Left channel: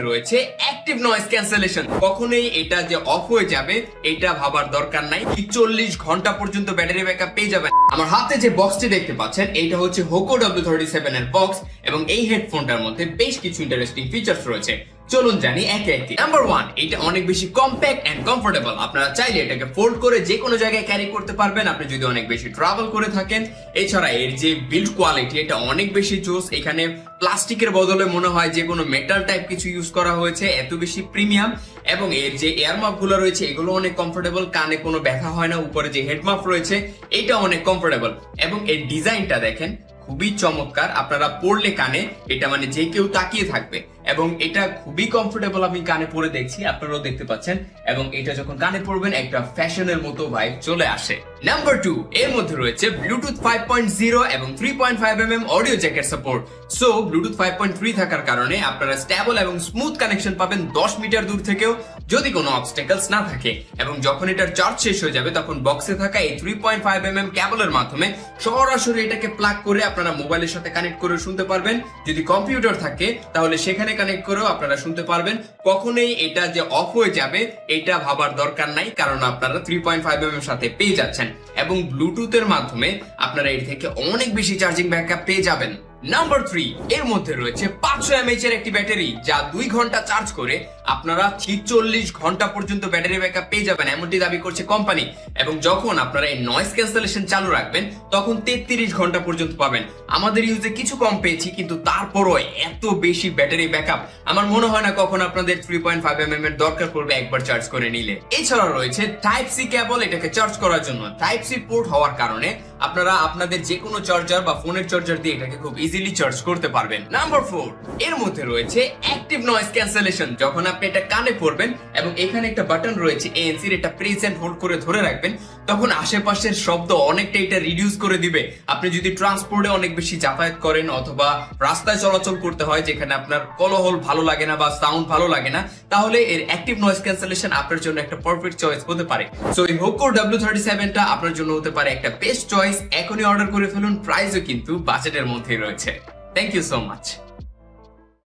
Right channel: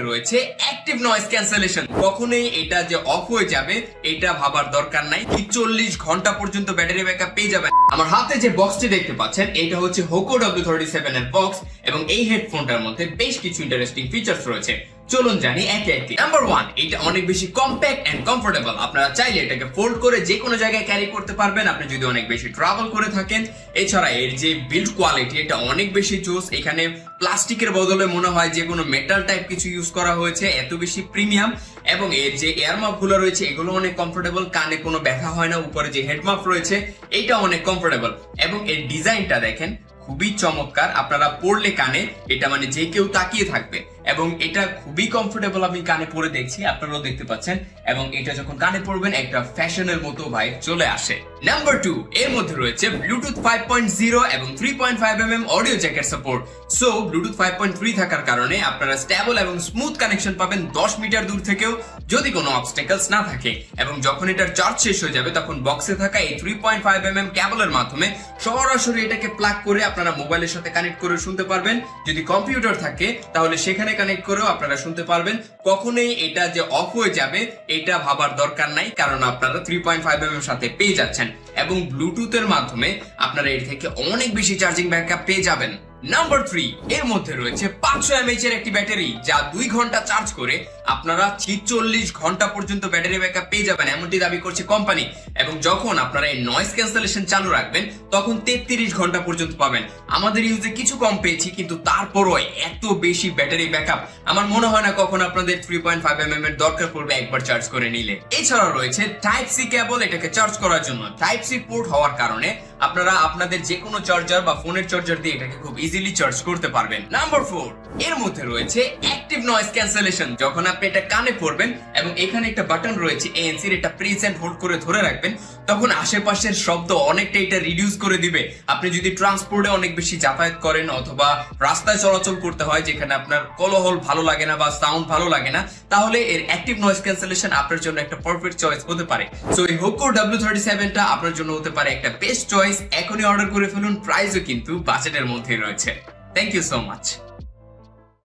মধ্যে রয়েছে active noise cancellation. কখনোই এটা যে অফ হয়ে যাবে এটা ভাবার দরকার নাই, 40 ঘন্টা পর্যন্ত ব্যাটারি ব্যাকআপ পেয়ে যাবেন। আমার হাতে যে বক্সটি দেখতে পাচ্ছেন এটা হচ্ছে Hoco W37 এর বক্স এবং এই হেডফোনটার মধ্যে বেশ কিছু ইন্টারেস্টিং ফিচার্স রয়েছে। চলুন জানি একে একে। নাম্বার 1, এটা অনেক বেশি কম্প্যাক্ট এন্ড কমফোর্টেবল। আপনারা চাইলে এটাকে ফোল্ড করে যে কোনো জায়গায় ক্যারি করতে পারবেন আপনি যদি অনেক বেশি ট্রাভেল করে থাকেন। এছাড়া এর যে বিল্ড কোয়ালিটি এটা অনেক বেশি জোস। এখানে প্লাস্টিকের বদলে মনে হয় যে কোনো মেটাল টাইপ কিছু ইউজ করা হয়েছে, এত বেশি প্রিমিয়াম। এবং এর যে এয়ার মাফ গুলো রয়েছে এগুলো অনেক কমফোর্টেবল, কানে কোনো ব্যথা হয় না। উপরে যে হেড মাফ রয়েছে এটা অনেক কমফোর্টেবল এবং এর ডিজাইনটা দেখেন খুবই চমৎকার। আপনারা পড়লে কানে এটা মানে যে কেউ তাকিয়ে থাকবে এবং এটা খুবই কমফোর্টেবল। আমি কানে পরে দেখছি, আপনারাও দেখতে পাচ্ছেন। এবং এটা যখন কানে পড়বেন একটা ফ্যাশনের মতো ভাইব চলে আসে। নাম্বার 2, এর মধ্যে রয়েছে ব্লুটুথ 5.0 এবং 3.5mm audio jacket support. So Bluetooth 5.3 থাকার কারণে আপনারা স্টেবল এবং স্মুথ কানেকশন পাবেন 10 মিটার দূর থেকেও যদি কোনো অবস্টেকলস না থাকে। এবং যখন এটার চার্জ শেষ হয়ে যাবে তখন বক্সে থাকা এই 3.5mm কেবলের মাধ্যমে সরাসরি এটাকে প্লাগ করে আপনারা মোবাইলের সাথে কানেক্ট করে শুনতে পারবেন। যদি কম্পিউটার থাকে তাহলে সেখানে কানেক্ট করেও আপনারা শুনতে পারবেন। কখনোই এটা যে অফ হয়ে যাবে এটা ভাবার দরকার নাই, কারণ আপনারা 3.5mm এর সাথে পেয়ে যাচ্ছেন এবং ব্লুটুথের মাধ্যমে আপনারা এর থেকে অনেক বেশি চার্জিং ব্যাকআপ পেয়ে যাবেন। নাম্বার 3, এর মধ্যে রয়েছে 500 mAh এর একটি ব্যাটারি যা 2 ঘন্টা চার্জ করে আপনারা 46 ঘন্টা পর্যন্ত ব্যাটারি ব্যাকআপ পেয়ে যাবেন এমনটি দাবি করছে কোম্পানি। এবং যখন আপনারা এই নয়েজ ক্যান্সেলেশন চালু রাখবেন তখন 33 ঘন্টা পর্যন্ত পাবেন। আমাদের ইউজে কিছু কম পেয়েছি কিন্তু তারপরও এত বেশি ব্যাটারি ব্যাকআপ আমার মনে হয় না কখন আপনাদের 3.5mm এর দরকার পড়বে একবার চার্জ করে নিলে। এছাড়া রয়েছে টাইপ সি কেবল এটাকে চার্জ করার জন্য। টাইপ সি পোর্ট হওয়ার কারণে আপনারা আপনাদের যে কোনো চার্জার বা ফোনের চার্জার দিয়ে এটাকে খুব ইজিলি চার্জ করতে পারবেন। নাম্বার 4, এর মধ্যে রয়েছে অ্যাক্টিভ নয়েজ ক্যান্সেলেশন। যখন আপনি এটা কানে পড়বেন এবং এখানে একটা বাটন রয়েছে ANC এর, এটা প্রেস এন্ড হোল্ড করে ধরে রাখবেন, তখন আশেপাশের শব্দ অনেকটা এটা রিডিউস করে দিবে। আপনি যদি ট্রান্সপোর্টে অনেক বেশি যাতায়াত করেন অথবা রাস্তায় চলাচল করতে হয় যেখানে আপনার কোলাহল ভালো লাগে না বা সাউন্ড ভালো লাগে না, তাহলে এর অ্যাক্টিভ নয়েজ ক্যান্সেলেশন আপনার জন্য একটা পারফেক্ট চয়েস হতে পারে। সো এই Hoco W37 টা আপনার জন্য হতে পারে একটা বেস্ট চয়েস। এখনই অর্ডার করে ফেলুন, প্রাইসও কিন্তু বাজেটের মধ্যেই রয়েছে। Thank you so much.